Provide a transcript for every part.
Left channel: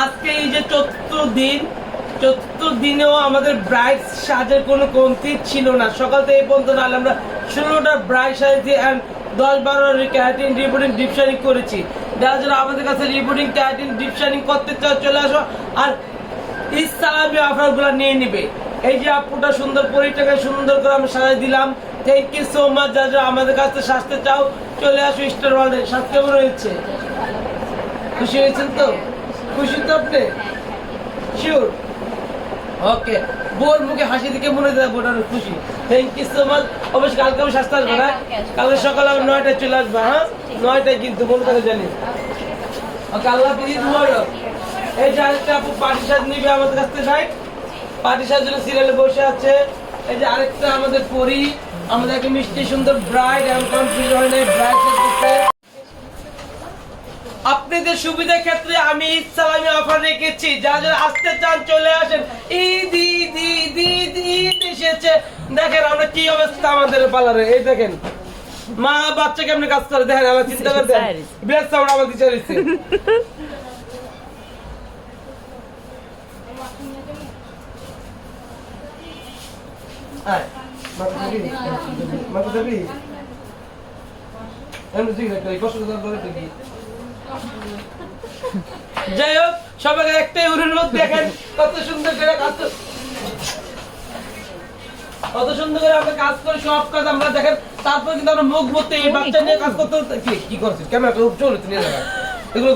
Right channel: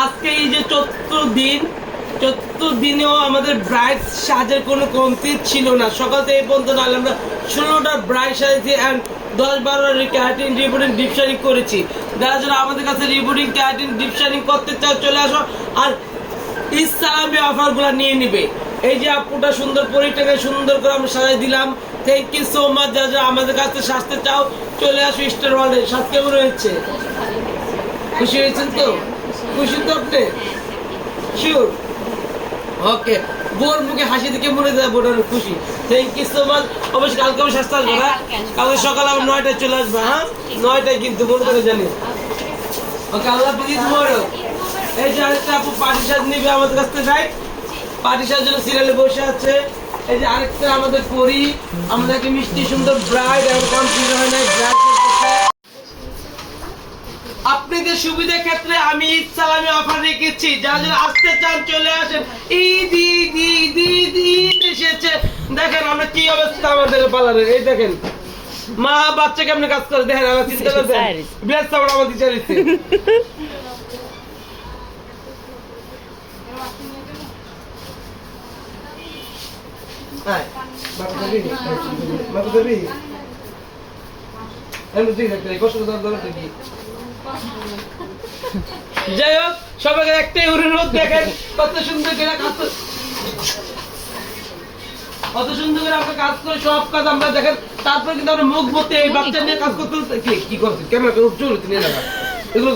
আজকে এই যে চতুর্থ দিন, চতুর্থ দিনেও আমাদের ব্রাইড সাজের কোনো কমতি ছিল না। সকাল থেকে পর্যন্ত নাহলে আমরা ষোলোটা ব্রাইড সাজেছি অ্যান্ড দশ বারো ক্যারাটিন রিপোর্টিং ডিপশানিং করেছি। যারা যারা আমাদের কাছে রিবোর্ডিং ক্যারাটিন ডিপশানিং করতে চাও, চলে আসো আর ইসলামী অফারগুলো নিয়ে নিবে। এই যে আপুটা সুন্দর পরিটাকে সুন্দর করে আমরা সাজাই দিলাম। থ্যাংক ইউ সো মাচ যা যা আমাদের কাছে সাজতে চাও, চলে আসো স্টার ওয়ার্ল্ডে সাজ কেমন হয়েছে? খুশি হয়েছেন তো? খুশি তো আপনি? শিওর ওকে বোর মুখে হাসি দিকে মনে যায় বোটার খুশি। থ্যাংক ইউ সো মাচ অবশ্যই কালকে আমি সাজতে আসব না কালকে সকালে আবার নয়টায় চলে আসব হ্যাঁ? নয়টায় কিন্তু মনে করে জানি। ওকে আল্লাহ প্লিজ মোরো এই যে আরেকটা আপু পার্টি সাজ নিবে আমাদের কাছ থেকে যাই পার্টি সাজ জন্য সিরিয়ালে বসে আছে। এই যে আরেকটা আমাদের পরি আমাদেরকে মিষ্টি সুন্দর ব্রাইড এবং কনফিউজ হয় না ব্রাইড আপনাদের সুবিধার ক্ষেত্রে আমি ঈদ সালামি অফার রেখেছি। যারা যারা আসতে চান চলে আসেন। ঈদ ঈদ ঈদ ঈদ ঈদ এসেছে। দেখেন আমরা কি অবস্থা আমাদের পার্লারে। এই দেখেন। মা বাচ্চা কেমনে কাজ করে? দেখেন আমার চিন্তা করছেন। ব্লেস সাউন্ড আমার দিতে দিচ্ছে আয় মাথা দেবি? মাথা দেবি? এমনি তুই দেখতে কষ্ট দরকার কি যাই হোক সবাই একটাই দেখেন কত সুন্দর করে করে- কত সুন্দর করে আমরা কাজ করে সব কাজ আমরা দেখেন, তারপরে কিন্তু আমরা মুখ মতে এই বাচ্চা নিয়ে কাজ করতে কি চলো তুমি এগুলো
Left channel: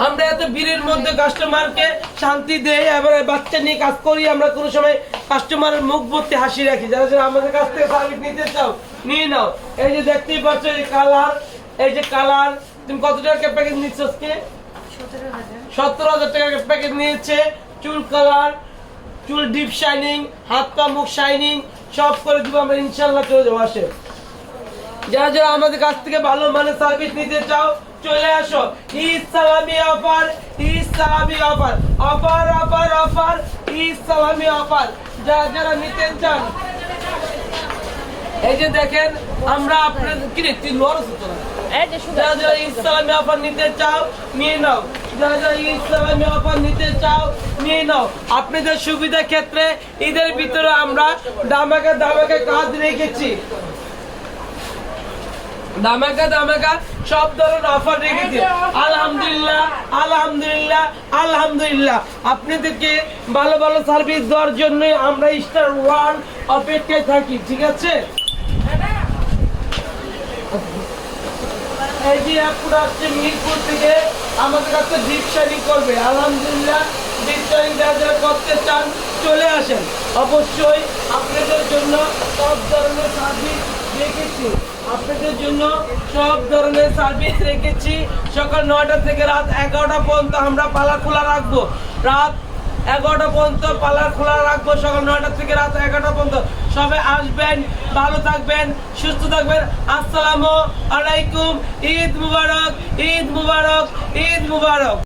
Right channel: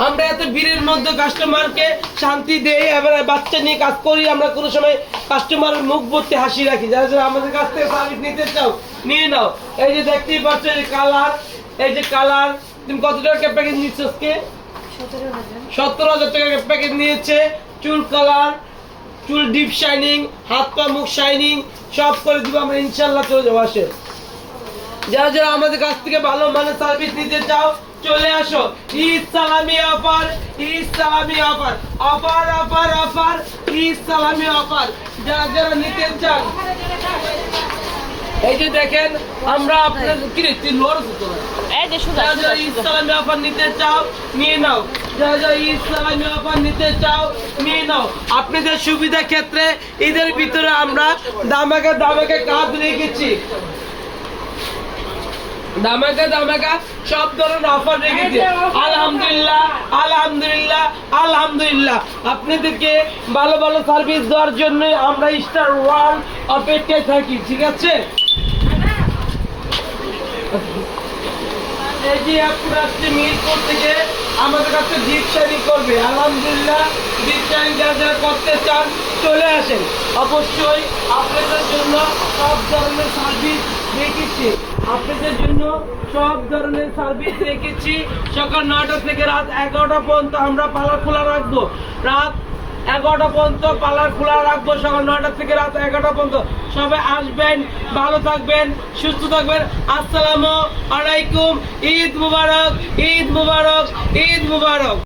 আমরা এত ভিড়ের মধ্যে কাস্টমারকে শান্তি দেই, এবার বাচ্চা নিয়ে কাজ করি, আমরা কোনো সময় কাস্টমারের মুখ ভর্তি হাসি রাখি। যারা যারা আমাদের কাছ থেকে সার্ভিস নিতে চাও, নিয়ে নাও। এই যে দেখতেই পাচ্ছ, এই কালার এই যে কালার তুমি কত টাকা প্যাকেজ নিচ্ছ আজকে? সতেরো হাজার টাকা প্যাকেজ নিয়েছে। চুল কালার চুল ডিপ শাইনিং হাত পা মুখ শাইনিং সব করে দিব আমরা ইনশাল্লাহ চলে যাব, আসে। যারা যারা আমাদের কাছ থেকে ভালো মানের সার্ভিস নিতে চাও, চলে আসো। ঈদ সালামি অফার, ঈদ সালামি offer offer offer offer Eid সালামি অফার। যারা যারা নিতে চান এই যে দেখেন আমরা আপনার কি রে তুই লড় যে যারা যারা অফার নিতে চাও নিয়ে নাও। যারা যারা অফার নিতে চাও নিয়ে নাও। আপনাদের সুবিধা ক্ষেত্রে ঈদের ভিতরে আমরা দামাকা দামাকা কাজ রেখেছি। দামাকা দামাকা সব ধরনের অফার রেখেছি। আপনাদেরকে ভালো ভালো সার্ভিস দেওয়ার জন্য আমরা স্টার ওয়ার্ল্ড অপেক্ষায় থাকি, ঠিক আছে? আলহামদুলিল্লাহ করতে চান, চলে আসেন। অবশ্যই আপনাদের জন্য সব ধরনের সার্ভিস রেখেছি। আপনাদের জন্য সব ধরনের সার্ভিস রেখেছি। সকাল নয়টা থেকে রাত এগারোটা পর্যন্ত আমরা পালা খোলা রাখব। রাত এগারোটা পর্যন্ত পার্লার খোলা রাখব, সকাল নয়টা থেকে রাত এগারোটা পর্যন্ত। সবাই আসবেন, ভালো থাকবেন, সুস্থ থাকবেন। আসসালামু আলাইকুম। ঈদ মুবারক ঈদ মুবারক ঈদ মুবারক।